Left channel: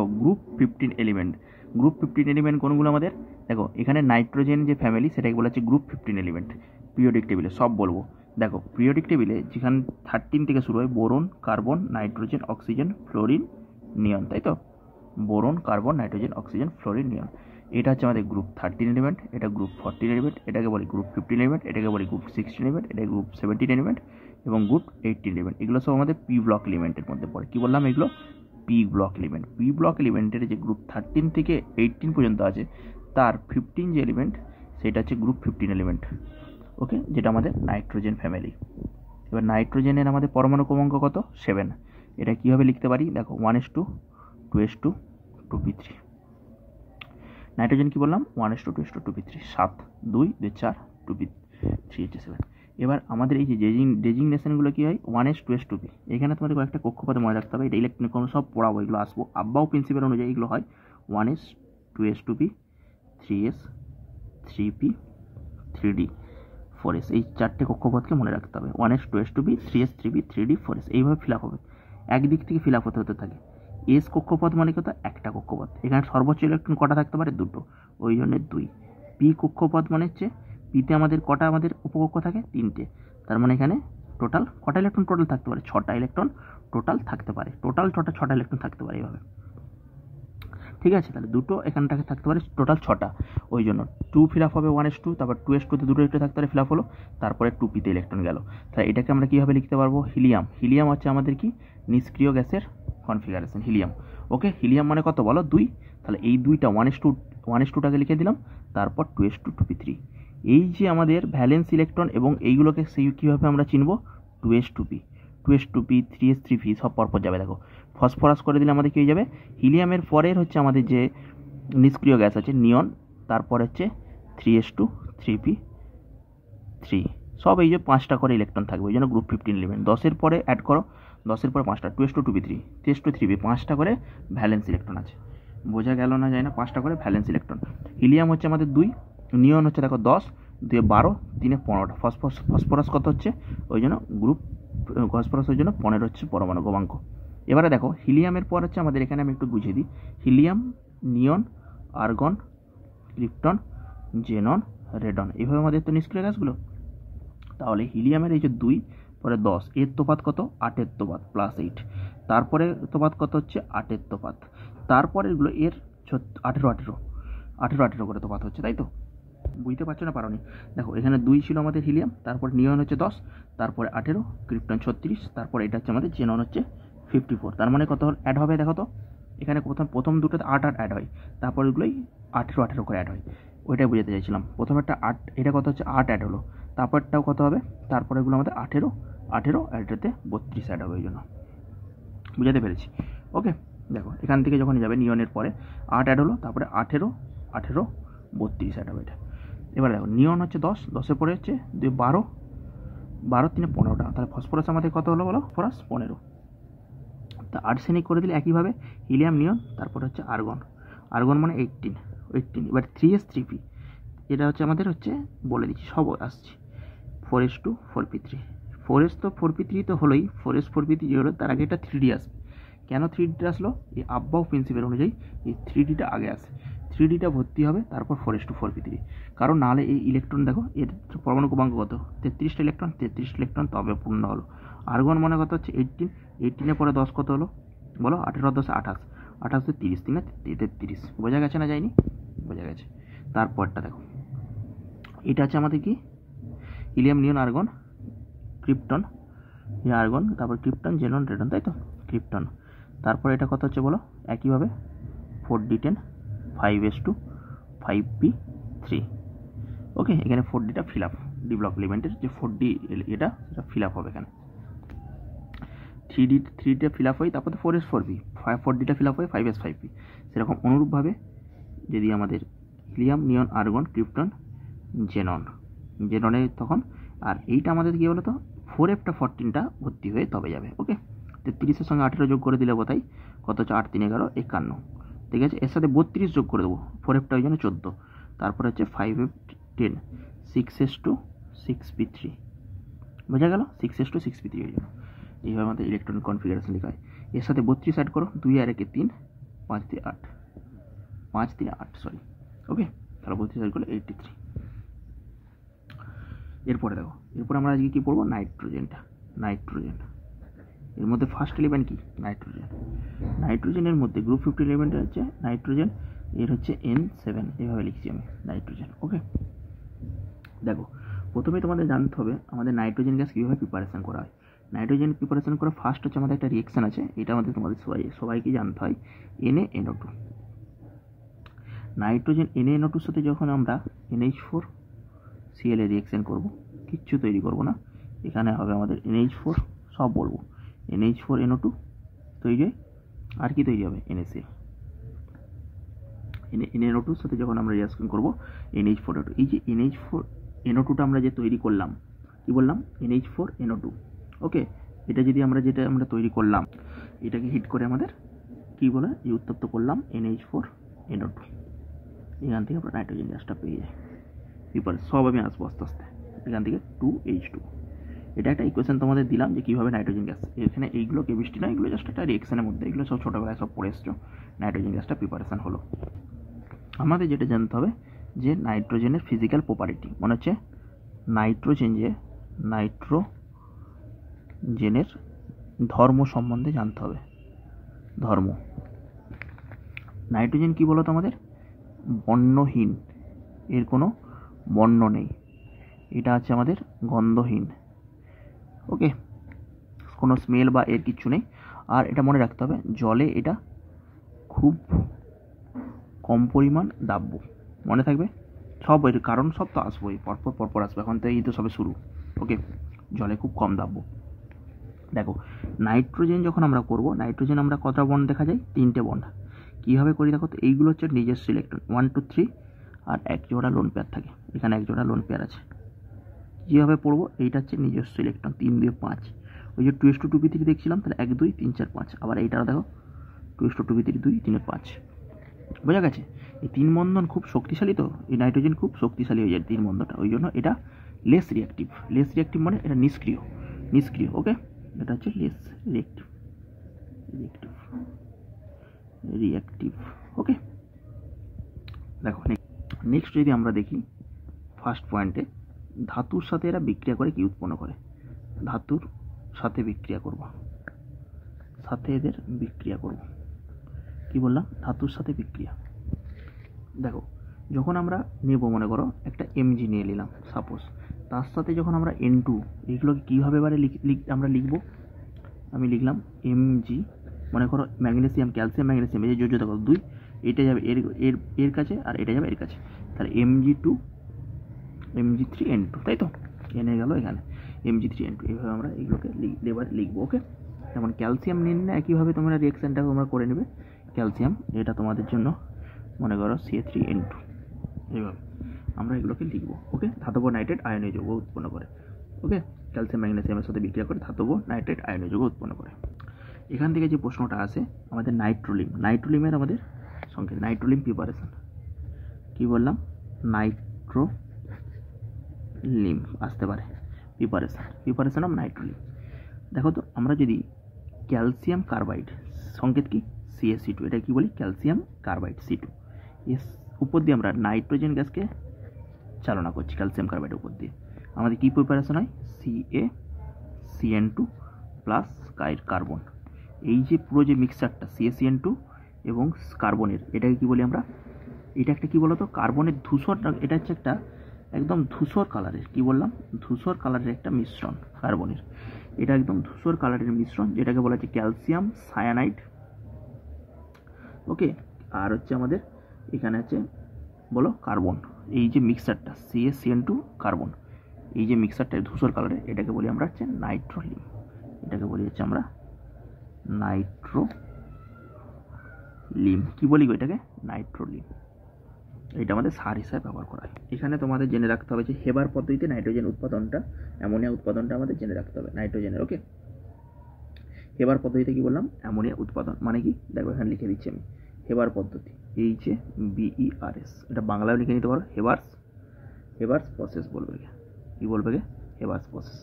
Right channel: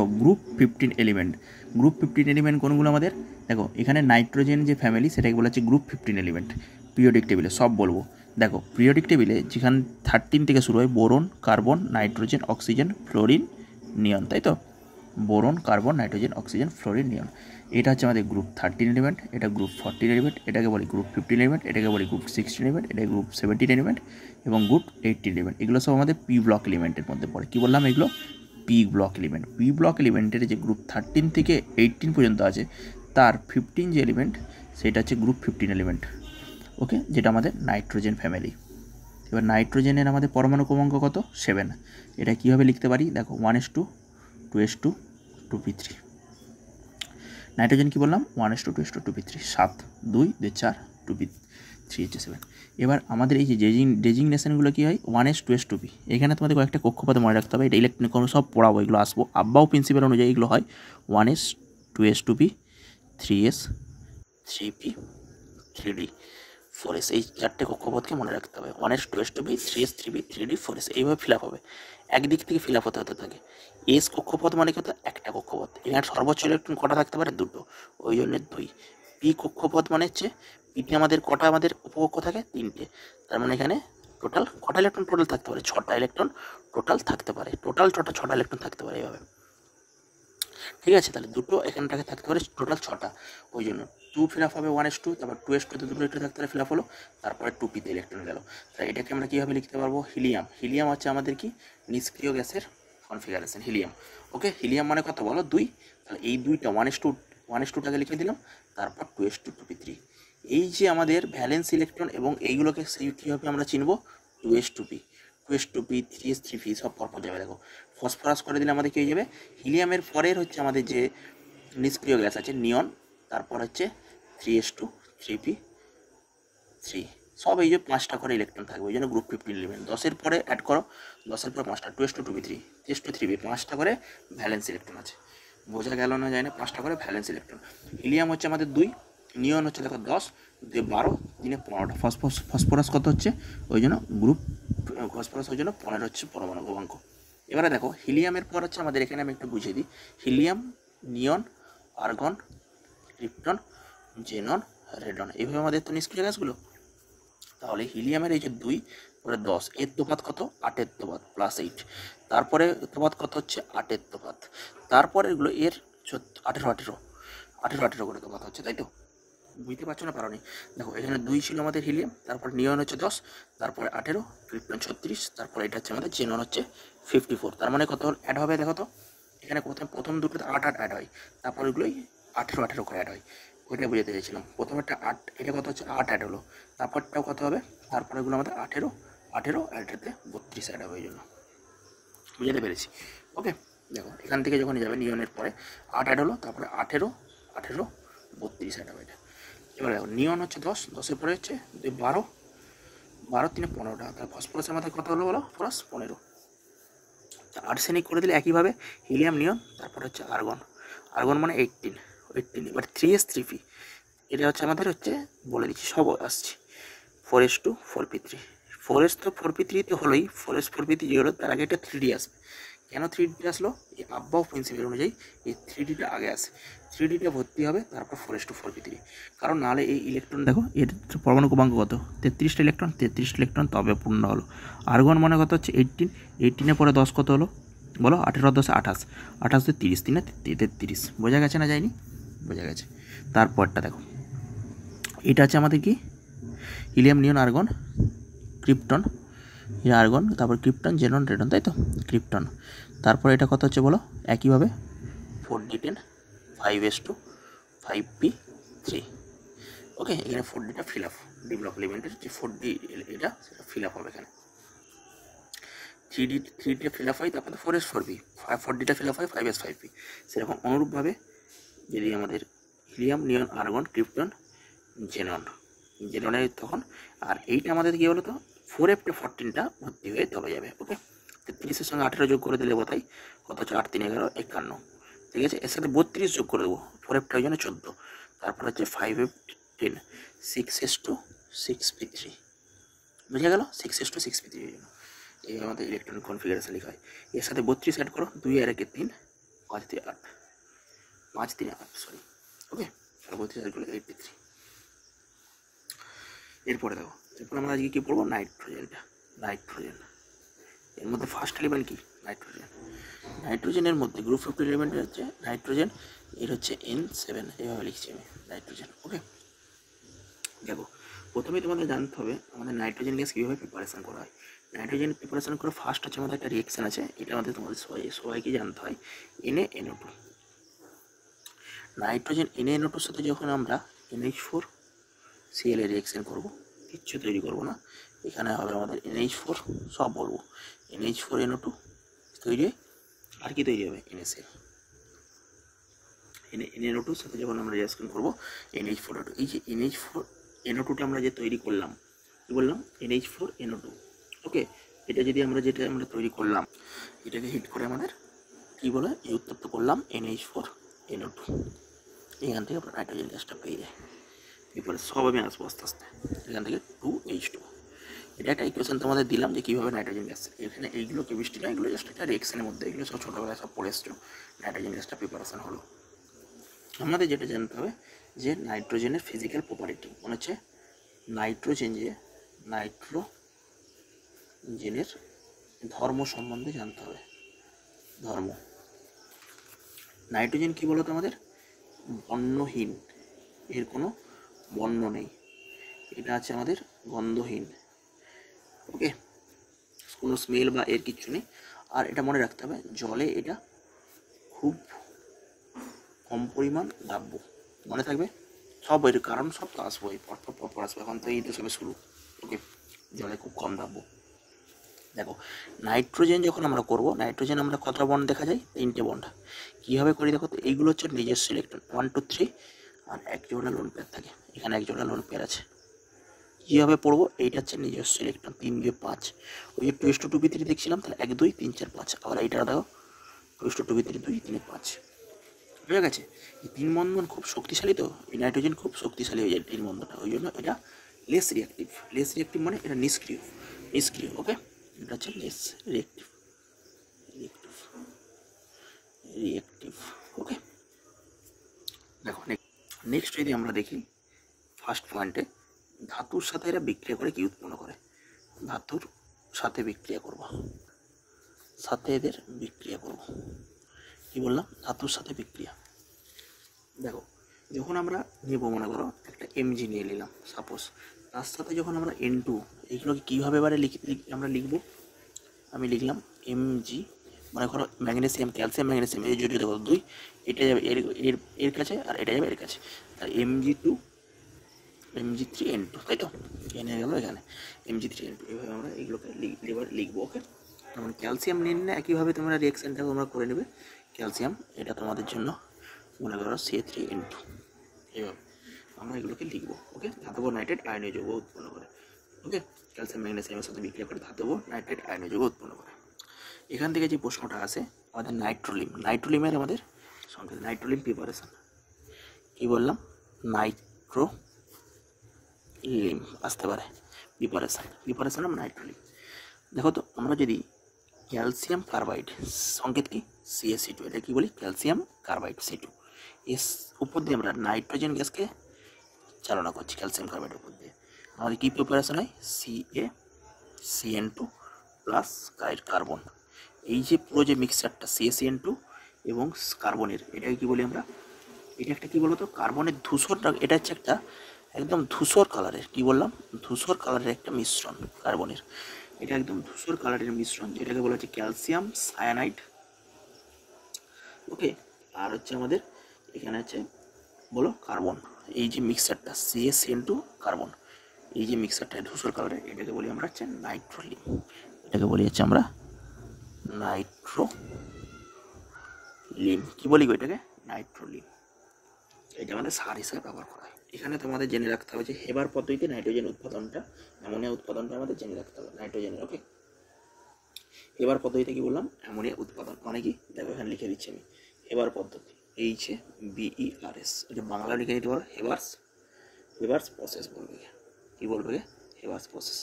Group 15 element. Group 15 element কোনগুলো আমাদের? দেখো এখানে নাইট্রোজেন যে ফ্যামিলি সেটাকে বলা হচ্ছে গ্রুপ 15 এলিমেন্ট। পিরিয়ডিক টেবিলে সব বলবো। দেখো পিরিয়ডিক টেবিলে যেখানে 13 থেকে শুরু হয় boron, carbon, nitrogen, oxygen, fluorine, neon, তাই তো? Boron, carbon, nitrogen, oxygen, fluorine, neon. এটা হচ্ছে আমাদের গ্রুপ 13 এলিমেন্ট, এটা গ্রুপ 14 এলিমেন্ট, এটাকে বলি গ্রুপ 15 এলিমেন্ট, এটাকে বলি গ্রুপ 16 এলিমেন্ট, এটা গ্রুপ 17 এলিমেন্ট এবং গ্রুপ 18 এলিমেন্ট। এগুলো সব আমাদের পি ব্লক এলিমেন্টের মধ্যে পড়ে। কী বললাম এগুলো? P block element. P block এলিমেন্টের যে গ্রুপ 13 থেকে 18 পর্যন্ত আছে তার 15 যে এলিমেন্ট সেটা হচ্ছে গ্রুপ 15 এলিমেন্ট। ওকে, যেটা আমাদের নাইট্রোজেন ফ্যামিলি। এবার নাইট্রোজেনের আমাদের পরমাণু ক্রমাঙ্ক কত? 7। এটা কীভাবে লিখতে পারি? দেখো 1s2 2s2 2p3। নাইট্রোজেন কী বললাম? 1s2 2s2 2p3, 7 2 2 4 2p3 হচ্ছে 7। এবার আমাদের এই যে ডেজিগনেশনগুলো কী হয়? 1s 2s 2p। এখানে তোমাদের কয়েকটা কক্ষপথ মনে রাখতে হবে, এটা ইলেকট্রনিক কোনো সব পড়াবো, এগুলো আসবো। আব্বাও প্রিন্সিপাল অনুযায়ী এগুলো হয় 1s 2s 2p 3s 3p 3d 4s। এই চারটে কক্ষপথকে মনে রাখতে হবে। 1s 2s 2p 3s 3p 3d 4s। এইভাবে ফিল আপ হবে, একদিক থেকে ফিল আপ হতে থাকে। এস কক্ষপথ মানে কত? একটা কক্ষপথ। এখানে সর্বোচ্চ ইলেকট্রন কটা থাকতে পারে? দুটো, ওই জন্য 2। পি কক্ষপথ মানে হচ্ছে পিতে আমাদের কটা আমাদের উপকক্ষ থাকে? 3টে। তার মানে এখানে টোটাল কটা ইলেকট্রন টোটাল থাকতে পারে? 6টা ইলেকট্রন টোটাল থাকতে পারে। টোটাল 6টা ইলেকট্রন থাকতে পারে এইভাবে। ঠিক আছে, তাহলে দুটো এখানটাকে থাকতে পারে, টোটাল 6টা। ওই জন্য 2 ফিল আপ হবে 1s2, তারপর 2s2তে দুটো ইলেকট্রন থাকতে পারে, ফিল আপ হলো, তারপরে 2pতে ইলেকট্রন গেল। তাহলে এটাকে আমরা কীভাবে লিখতে পারবো? হিলিয়াম। হিলিয়াম হচ্ছে আমাদের কি? নিষ্ক্রিয় গ্যাসের কনফিগারেশন হিলিয়াম। ওকে, হিলিয়াম মানে কত বলো? 2। তাহলে এই 2টা 1s2টাকে লিখে দিলাম, তারপর 2s2 2p3। এই যে আমাদের ভ্যালেন্স ইলেকট্রন এবং এইগুলোকে কীভাবে আমরা চিনব? 2s2p 2s2p 3s 3p সব পরপর যাবে। দেখো ফসফরাস করে দিলে আমাদের কী হয়ে যাবে? হিলিয়ামের পরের হচ্ছে আমাদের যে নিষ্ক্রিয় গ্যাস আছে নিয়ন, তারপর হচ্ছে 3s2 3p3, সব এই যে 5টা করে ইলেকট্রন থাকবে, ওই জন্য গ্রুপ 15 এলিমেন্ট। 10-এর পরে অ্যাড করো, 10-এর পরে 5টা 2s2 2p3 3s2 3p, 5টা করে ভ্যালেন্স ইলেকট্রন আছে। বোঝা গেল না? যায় না? 5টা করে ভ্যালেন্স ইলেকট্রন। হিলিয়াম হচ্ছে আমাদের 2, নিয়ন হচ্ছে দেখো 10, 2 12, 3 15টা। ফসফরাস কত হচ্ছে? ওই জন্য গ্রুপ ফসফরাস ওই জন্য 15 হচ্ছে পরমাণু ক্রমাঙ্ক। এবারে দেখো হিলিয়ামের পর হচ্ছে আমাদের এখানে আমি একটু বুঝিয়ে দিই। হিলিয়াম, নিয়ন, আর্গন, ক্রিপ্টন, জেনন, রেডন, এইভাবে আমাদের তো নিষ্ক্রিয় গ্যাসগুলো। তাহলে হিলিয়ামের এই যে 2 পরে 10, এর তোপাত কত? 8-এর তোপাত +8। তারপরে তোপাত কত হচ্ছে? 8-এর তোপাত। তারপরে এগুলো এর 18 করে তোপাত হচ্ছে, তাই তো? বুঝতে পারছো না? পারোনি? দেখো এখানে 2 ছিল আমাদের হিলিয়াম, তারপর নিয়ন হচ্ছে 10, তারপরে 18, ক্রিপ্টন 36, তারপরে এটা হচ্ছে আমাদের জেনন হচ্ছে 54। তার মানে কত অ্যাড হবে দেখো তো? এখানে প্রথম দুটোতে 8 অ্যাড হয়, তারপর এগুলোই 18 করে অ্যাড হয়। ওইটাই বুঝাতে চাইছিলাম। প্রথমেরটা 8, এটা কত হচ্ছে? 8 অ্যাড হলো, তারপরটাও কত হবে? তারপরে এগুলো আমাদের 18 এটাতে 32 অ্যাড হবে। ওই জন্য বুঝাতে পেরেছি? ওকে, দেখো এখান থেকে যখন যাবে নিয়নের পরে 8 অ্যাড হলো, তারপরে 18 32 অ্যাড হবে এটা। এবার দেখো নিয়ন হচ্ছে 10, 10-এর পরে হচ্ছে 12, 12 3 15টা। তাহলে ফসফরাস আমাদের কত হলো বলো? ফসফরাস 15। তা আর্সেনিক করে দিলে একইভাবে হিলিয়াম, নিয়ন, তারপর হচ্ছে আর্গন। আর্গন মানে 18। এবার 3s 3p, এটা হচ্ছে আমাদের হচ্ছে বলে দিচ্ছি, সব আসছে 4s2 4p3। 4s তো 4p3 তো হলোই, 4s 4p3 যেগুলো, তার আগে এটা 3d আসবে। কেন 3d আসলো? এই আব্বাও প্রিন্সিপাল অনুযায়ী এই 3dটা আগে আসে। 3dটা ভর্তি হবে, তারপর 4s2 4p3। কারণ নাহলে এই ইলেকট্রন দেখো এর পরমাণু ক্রমাঙ্ক কত? 33টা ইলেকট্রন, 33টা ইলেকট্রন তবে পূর্ণ হলো। আর্গন মানে কত হচ্ছে? 18, 18-এর পরে 10 কত হলো বলো? 18 10 28, 28 30, 3 33। বোঝা গেছে না? যায়নি? বোঝা গেছে। তারপরটা দেখো, এটা হচ্ছে আমাদের কি? হিলিয়াম, নিয়ন, আর্গন, ক্রিপ্টন, আর্গন, তারপর ক্রিপ্টন, জেনন, রেডন, তাই তো? ক্রিপ্টন, তারপর এটা কত হচ্ছে বলো? একইভাবে 4d10 5s2 5p3। ওকে, এখানে 4dটা ফিল আপ, ডি ব্লক এলিমেন্টের যে 4d এটা সেটা ফিল আপ হবে এখানে। 3dটা ফিল আপ হয়, তারপরে 4s 4p, 4dটা ফিল আপ হয় 5s 5p। সেরকম অনুরূপভাবে যদি আমাদের হিলিয়াম, নিয়ন, আর্গন, ক্রিপ্টন, জেননের তখন, আর এইটা আমাদের কী বলো তো? 4f 14টা ভর্তি হয়ে তবে যাবে। ওকে, 33-এর সঙ্গে 18 যোগ করে দিলে বোধহয় কত হচ্ছে? 8 3 11 51। ঠিক আছে, এর সাথে 32 যোগ করে দেবো, 4fটা ওই জন্য 14। তারপর হচ্ছে 5f 10, 6s2 6p3। বোঝা গেল? 6s2 6p3 হয়ে গেল। এইভাবে আমাদের ইলেকট্রনিক কনফিগারেশন লেখা হয়। এর সাথে 32 অ্যাড করো, 2 আর 1 3, 5 3 8 সরি, ওকে। তাহলে 32 করলে 83। এরপরে দেখো, এরপরে আমরা আজকে কী পড়বো, নাইট্রোজেন। এর মধ্যে ফার্স্ট এলিমেন্ট কি, নাইট্রোজেনের মধ্যে গ্রুপ 50 এলিমেন্টের হচ্ছে নাইট্রোজেন, এর হচ্ছে N7, এইভাবে লিখছি আমি নাইট্রোজেন, ওকে। দেখো, প্রথমেই তোমাদের জানতে হবে আমাদের নাইট্রোজেন গ্যাস কীভাবে প্রিপারেশন করা হয়। নাইট্রোজেন প্রিপারেশন করে ফার্স্ট হচ্ছে আমাদের একটা রিয়েকশান আছে, এটা আমাদের তোমাদের সবাইকে জানতে হয়, NaNO2। নাইট্রোজেন NaNO2 সাথে যখন আমরা NH4Cl এর রিয়েকশান করব, কিচ্ছু তৈরি করব না, এখানে হবে আমাদের NH4, সব বলবো NH4NO2 তৈরি হয়, আর কি তৈরি হবে, NaCl। NaNO2 সাথে যখন আমরা রিয়াকশন করব NH4NO2, এই যে NH4NO2টা আমরা যে তৈরি করলাম, কি বললাম, NH4NO2, ওকে। এটা যদি যেটা আমরা তৈরি করলাম, এটাকে হিট করে আমাদের কী বলে, এই উত্তপ্ত করলাম NH4NO2, এখান থেকে আমরা নাইট্রোজেন গ্যাসটা পেয়ে যাই। এরপরে সব আমি আসবো আস্তে আস্তে, এখান থেকে 2H2। এটা একটা ইকুয়েশন তোমাদের দিলাম যে কীভাবে নাইট্রোজেন গ্যাস, এখানে এইগুলো কেমিস্ট্রি নয়, এগুলো জাস্ট একটা রিয়েকশনের মধ্যে, এগুলো সব ছোটোবেলায় সব পড়ে এসছো, নাইট্রোজেন গ্যাসটা প্রিপারেশান হলো। আমাদের যেটা জানতে হবে যে নাইট্রোজেনের ফিজিক্যাল প্রপার্টি, মনে হচ্ছে নাইট্রোজেনের ধর্ম সম্বন্ধে জানতে হবে। ধর্ম, নাইট্রোজেন কী বলো তো আমাদের, বর্ণহীন, এর কোনো বর্ণ নেই, এটা আছে আমাদের গন্ধহীন, ওকে, কোনো স্মেল বা এর কিচ্ছু নেই। আর এটা মনে রাখতে হবে, জলে এটা খুব কম পরিমাণ দাব্য, মনে থাকবে, সব এর কারণ সব তো আসবোই, পরপর আসবে, এখন তো এই তো সবে শুরু, ওকে। জলে খুব কম দাব্য। দেখো, নাইট্রোজেন যখন আমরা করব, নাইট্রোজেন আমরা কতটা বন্ড দেখা যায়, 3টে বন্ড। কীভাবে করি দেখো তো, এইগুলো হচ্ছে নিজস্ব ইলেকট্রন, 1 2 3, আর এক জোড়া লোন পেয়ার থাকে, এখানে এক জোড়া লোন পেয়ার আছে। কীভাবে পড়বো, এইটা হচ্ছে নিজস্ব ইলেকট্রন, 3 2 5, ওই যে 2:2p3 দেখছিলাম, তাহলে 1 2 3 4 5, আবার এইটাও দেখো 2:2p3 2 3 5, বোঝা গেছে। এই 3 বন্ধন খুব শক্তিশালী, তো এই নাইট্রোজেন খুব শক্তিশালী হয়ে যায় 3 বন্ধনটা, ওই জন্য এটা লেস রিয়াক্টিভ মানে এটা নিষ্ক্রিয়, ওকে। এটা হচ্ছে লেস রিয়াক্টিভ, ওকে। দেখো নেক্সট যদি আমরা দেখি ফার্স্ট পয়েন্টে, ধাতুর সাথে এরা বিক্রিয়া করে কি উৎপন্ন করে, ধাতুর সাথে বিক্রিয়া করব, কি বললাম, ধাতুর সাথে বিক্রিয়া। দেখো, যখন আমরা নেব, মনে করো একটা Mg নিয়ে নিলাম সাপোজ, তার সাথে যখন আমরা N2, এইগুলোকে কীভাবে এবারে আমরা লিখবো, আমি লিখলাম Mg, মনে করো ম্যাগনেসিয়াম, ক্যালসিয়াম, ম্যাগনেসিয়াম, এই যে দেখো 2, এটা যাবে এর কাছে, আর এটা যাবে এর কাছে, তাহলে Mg2 Mg3N2, তাই তো, এনে গেল এখানে Mg3N2, এইভাবে আমরা এইগুলোকে লিখবো, ওকে। যেমন ক্যালসিয়াম নিন না, একইভাবে তোমরা রিয়াকশানটা তোমরা করে নেবে, ক্যালসিয়াম এটা তোমাদের জন্য মনে করো Ca3N2, এইভাবে আমরা এগুলোকে লিখবো, ওকে। ধাতব নাইট্রেট আয়নীয় যৌগ উৎপন্ন করে, ওকে। ক্যালসিয়াম ম্যাগনেসিয়ামের সাথে বিক্রিয়া করে ধাতব নাইট্রেট আয়নীয় যৌগ উৎপন্ন করে। এখান থেকে যে প্রশ্নটা আসে, আমাদের নাইট্রোলিমের আমাদের সংকেত, নাইট্রোলিম প্রিপারেশন, কী বললাম, নাইট্রোলিম আসতে পারে, প্রিপারেশন অফ নাইট্রোলিম। দেখো তো, আমরা যদি ক্যালসিয়াম কার্বাইড, সংকেত কি, CaC2, এটা কি বলি, ক্যালসিয়াম কার্বাইড C2, এস উপর দিয়ে আমরা নাইট্রোজেন গ্যাসকে চালনা করছি, ক্যালসিয়াম কার্বাইডের উপর দিয়ে আমাদের কী প্রিপারেশন হয়, CaCN2 প্লাস কার্বন, এই যে পুরো যে মিক্সারটা CaCN2 এবং কার্বনের, এটাকে কী বলি আমরা, এটা একটা কী বলো তো, কার্বনের ধূসর, এটা হচ্ছে একটা একদম ধূসর কালারের, কী বললাম, ধূসর কালারের একটা মিশ্রণ কার্বনের, এটা একদম ধূসর কালারের মিশ্রণ, যেটাকে বলা হচ্ছে ক্যালসিয়াম সায়ানাইড, ওকে। আর হচ্ছে আমাদের এখানে আছে বলো কার্বন, এই যে মিক্সারটা CaCN2 কার্বন, এই যে মিক্সারটা ধূসর কালারের, এটাকে বলি আমরা হচ্ছে নাইট্রোলিম, এটাকে বলি হচ্ছে আমরা নাইট্রোলিম, কী বলি এটাকে, নাইট্রোলিম, এটা আমাদের সার হিসাবে ব্যবহার করা হয়। এখানে তোমাদের জেনে রাখতে হবে যে হেবার পদ্ধতিতে নাইট্রোজেন উৎপাদনটা, অ্যামোনিয়া উৎপাদনটা আমাদের জেনে রাখতে হবে নাইট্রোজেনের, ওকে। হেবার পদ্ধতিতে কী বললাম, অ্যামোনিয়া উৎপাদন, মানে কি, দেখো এখানে লিখে দিচ্ছি আমি, হেবার পদ্ধতি, HABERS, এটা বাংলায় লিখে নিতে পারো, হেবার্স প্রসেস বলবে, কী বলবে, হেবার্স প্রসেস,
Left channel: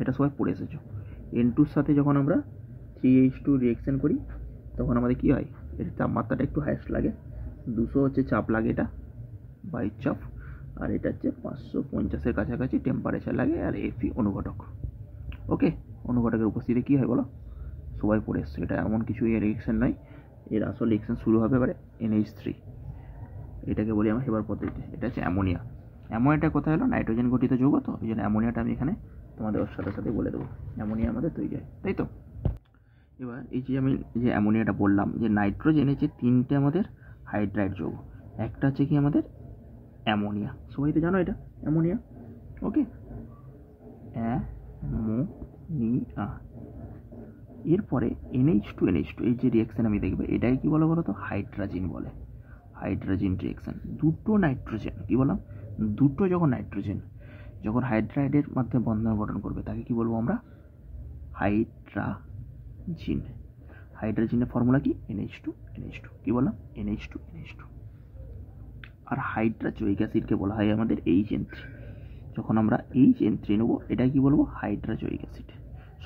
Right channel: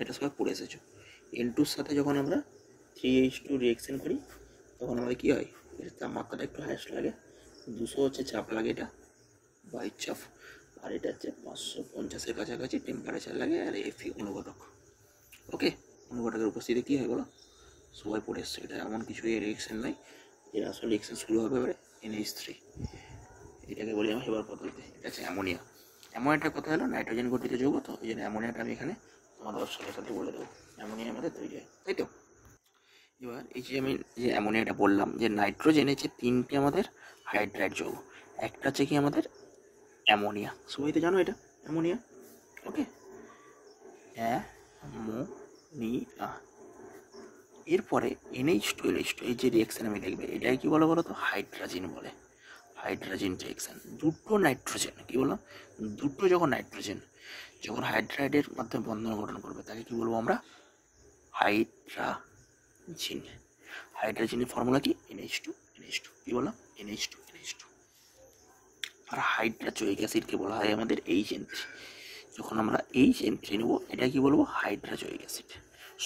এটা সবাই পড়ে এসেছো। N2 সাথে যখন আমরা 3H2 রিয়েকশন করি, তখন আমাদের কী হয়, এর তাপমাত্রাটা একটু হাইয়েস্ট লাগে, 200 হচ্ছে চাপ লাগে, এটা বায়ুর চাপ, আর এটা হচ্ছে 550-এর কাছাকাছি টেম্পারেচার লাগে, আর এফি অনুঘটক। ওকে, অনুঘটকের উপস্থিতিতে কী হয় বলো, সবাই পড়ে এসছে। এটা এমন কিছু এর রিয়েকশন নয়, এর আসল রিয়েকশন শুরু হবে এবারে NH3, এটাকে বলি আমরা হেবার পদ্ধতিতে। এটা হচ্ছে অ্যামোনিয়া। অ্যামোনিয়াটা কোথায় হলো, নাইট্রোজেন গঠিত যৌগ, তো এই জন্য অ্যামোনিয়াটা আমি এখানে তোমাদের ওর সাথে সাথে বলে দেবো। অ্যামোনিয়া আমাদের তৈরি হয়, তাই তো। এবার এই যে আমি যে অ্যামোনিয়াটা বললাম যে নাইট্রোজেনে যে 3টে আমাদের হাইড্রাইড যৌগ, একটা হচ্ছে কি আমাদের অ্যামোনিয়া, সবাই তো জানো এটা অ্যামোনিয়া। ওকে, অ্যামোনিয়া। এরপরে NH2 এই যে রিয়াকশান আমি দেখবে, এটাই কি বলো বলো তো, হাইড্রাজিন বলে। হাইড্রাজিন রিয়াকশান, দুটো নাইট্রোজেন, কী বললাম, দুটো যখন নাইট্রোজেন যখন হাইড্রাইডের মাধ্যমে বন্ধন গঠন করবে তাকে কি বলবো আমরা, হাইড্রাজিন। হাইড্রাজিনের ফর্মুলা কি, NH2 কী বললাম, NH2। আর হাইড্রাজোয়িক অ্যাসিডকে বলা হয় আমাদের HN3। যখন আমরা HN3 নেব, এটা কি বলবো, হাইড্রাজোয়িক অ্যাসিড।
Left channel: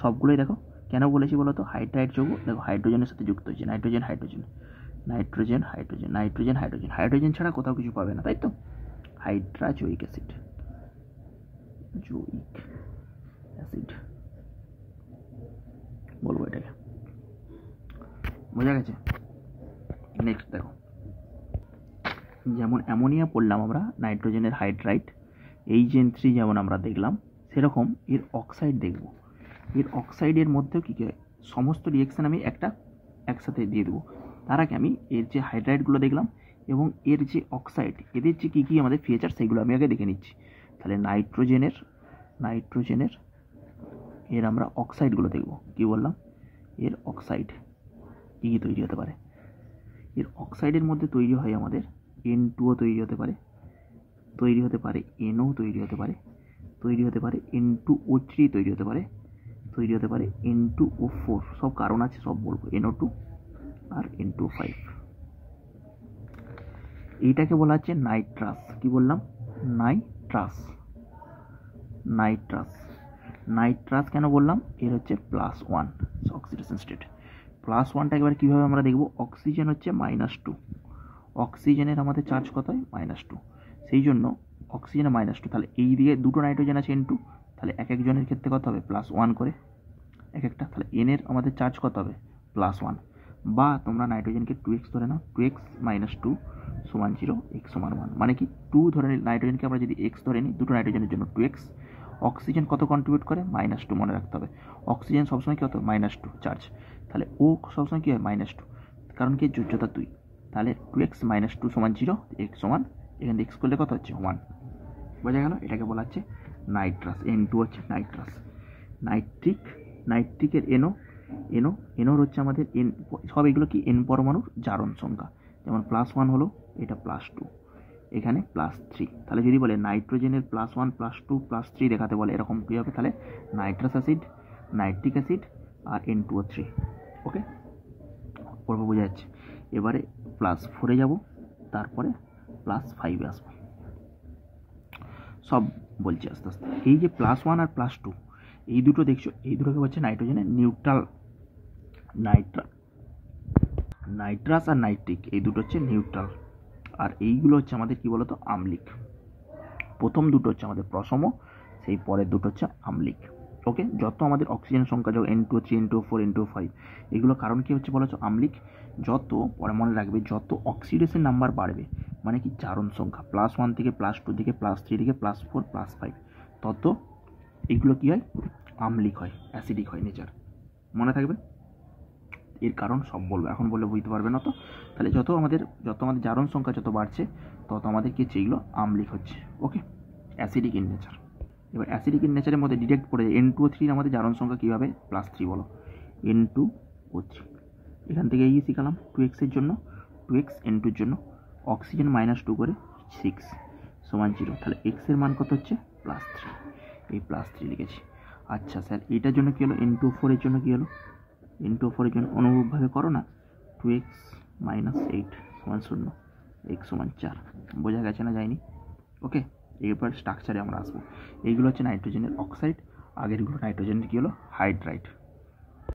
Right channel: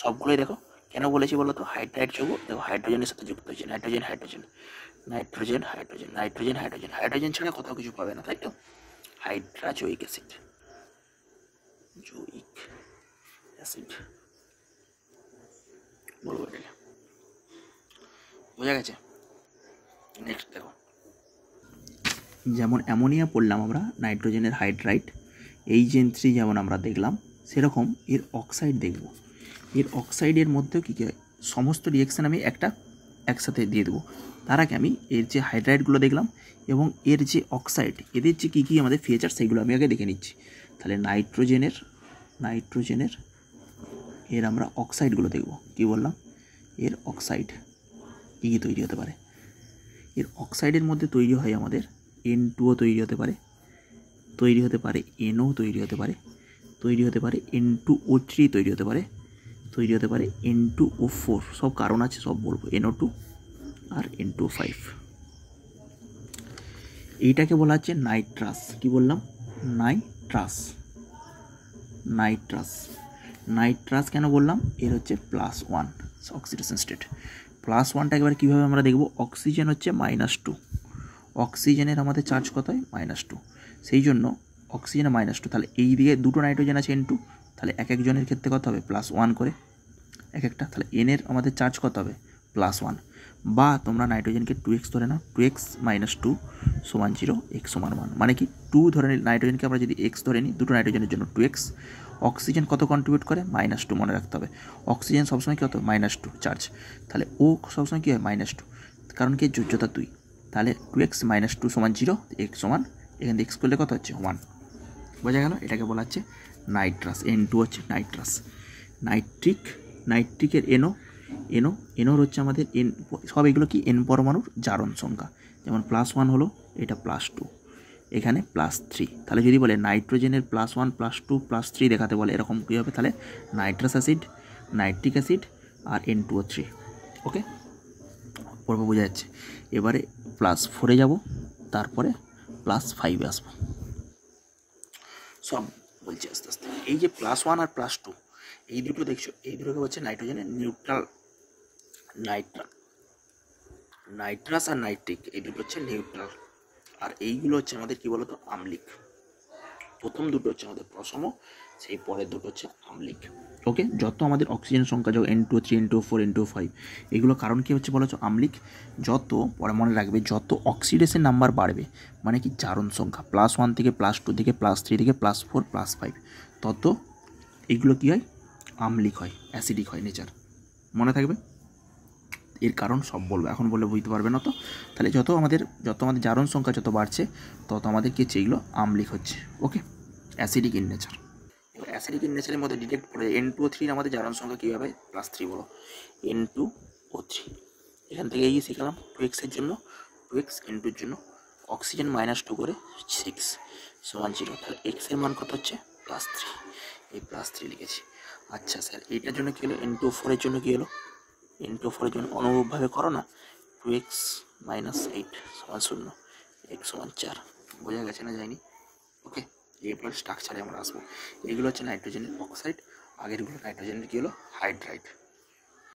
সবগুলোই দেখো কেন বলেছি বলো তো, হাইড্রাইড যৌগ, দেখো হাইড্রোজেনের সাথে যুক্ত হয়েছে, নাইট্রোজেন হাইড্রোজেন ছাড়া কোথাও কিছু পাবে না, তাই তো। হাইড্রাজোয়িক অ্যাসিড, বলবো এটাকে, বোঝা গেছে। নেক্সট দেখো, যেমন অ্যামোনিয়া পড়লাম আমরা, নাইট্রোজেনের হাইড্রাইড, HN3 যেমন আমরা দেখলাম, সেরকম এর অক্সাইড দেখব। এর অক্সাইডের মধ্যেও কী কী হয়, সমস্ত রিয়েকশান আমি একসাথে দিয়ে দেবো। তার আগে আমি এর যে হাইড্রাইডগুলো দেখলাম এবং এর যে অক্সাইড, এদের যে কী কী আমাদের ফিচার, সেগুলো আমি আগে দেখে নিচ্ছি। তাহলে নাইট্রোজেনের এর আমরা অক্সাইডগুলো দেখব। কি বললাম, এর অক্সাইড কী কী তৈরি হতে পারে। এর অক্সাইডের মধ্যে তৈরি হয় আমাদের N2 তৈরি হতে পারে, NO তৈরি হতে পারে, N2O3 তৈরি হতে পারে, N2O4, সব কারণ আছে, সব বলবো, NO2 আর N2O5। এইটাকে বলা হচ্ছে নাইট্রাস। কি বললাম, নাইট্রাস কেন বললাম, এর হচ্ছে +1 অক্সিডেশন স্টেট। +1টা এবার কীভাবে আমরা দেখব, অক্সিজেন হচ্ছে -2, অক্সিজেনের আমাদের চার্জ কত হয়, -2, সেই জন্য অক্সিজেনে -2, তাহলে এই দিকে দুটো নাইট্রোজেন আছে N2, তাহলে এক একজনের ক্ষেত্রে কত হবে, +1 করে এক একটা, তাহলে N-এর আমাদের চার্জ কত হবে, +1। বা তোমরা নাইট্রোজেনকে 2x ধরে নাও, 2x - 2 = 0, x = 1, মানে কি 2 ধরে নিই, নাইট্রোজেনকে আমরা যদি x ধরে নিই, দুটো নাইট্রোজেনের জন্য 2x। অক্সিজেন কত কন্ট্রিবিউট করে, -2, মনে রাখতে হবে। অক্সিজেন সবসময় কত, -2 চার্জ, তাহলে ও সবসময় কী হয়, -2, কারণ কি যোজ্যতা 2, তাহলে 2x - 2 = 0, x সমান, এখান থেকে x করলে কত হচ্ছে, 1। বোঝা গেল, এটাকে বলা হচ্ছে নাইট্রাস। N2 হচ্ছে নাইট্রাস। নাইট্রিকের NOর হচ্ছে আমাদের N, সব এগুলো কি N পরমাণুর জারণ সংখ্যা, যেমন +1 হলো, এটা +2, এখানে +3। তাহলে যদি বলে নাইট্রোজেনের +1 +2 +3 দেখাতে বলে, এরকম কী হবে, তাহলে নাইট্রাস অ্যাসিড, নাইট্রিক অ্যাসিড আর N2O3। ওকে, পর্ব বোঝা যাচ্ছে। এবারে +4-এ যাব, তারপরে +5-এ আসবো, সব বলছি আস্তে আস্তে। এই যে +1 আর +2, এই দুটো দেখছো, এই দুটোকে হচ্ছে নাইট্রোজেনের নিউট্রাল, নাইট্রাস আর নাইট্রিক, এই দুটো হচ্ছে নিউট্রাল, আর এইগুলো হচ্ছে আমাদের কী বলতো, আম্লিক। প্রথম দুটো হচ্ছে আমাদের প্রশম, সেই পরের দুটো হচ্ছে আম্লিক। ওকে, যত আমাদের অক্সিজেন সংখ্যা, যখন N2O3 N2O4 N2O5, এগুলো কারণ কী হচ্ছে বলেছো, আম্লিক। যত, পরে মনে রাখবে, যত অক্সিডেশন নাম্বার বাড়বে, মানে কি জারণ সংখ্যা +1 থেকে +2 থেকে +3 থেকে +4 +5, তত এগুলো কী হয়, আম্লিক হয়, অ্যাসিডিক হয় নেচার, মনে থাকবে। এর কারণ সব বলবো, এখন বললে বুঝতে পারবে না তো। তাহলে যত আমাদের জারণ সংখ্যা যত বাড়ছে, তত আমাদের কী হচ্ছে, এগুলো আম্লিক হচ্ছে। ওকে, অ্যাসিডিক ইন নেচার। এবার অ্যাসিডিক ইন নেচারের মধ্যে ডিটেক্ট পড়ে যায় N2O3 আমাদের জারণ সংখ্যা কীভাবে, +3 বলো, N2O3। এখান থেকে এই শিখালাম 2x-এর জন্য, 2x N2-র জন্য, অক্সিজেন -2 করে 6 = 0, তাহলে x-এর মান কত হচ্ছে, +3, এই +3 লিখেছি। আচ্ছা স্যার, এইটার জন্য কী হলো, N2O4-এর জন্য কী হলো, N2O4-এর জন্য অনুরূপভাবে করো না, 2x - 8 = 0, x = 4। বোঝা গেছে না, যায়নি? ওকে, এরপর স্ট্রাকচারে আমরা আসবো। এইগুলো হচ্ছে নাইট্রোজেনের অক্সাইড, আগেরগুলো নাইট্রোজেনের কী হলো, হাইড্রাইড।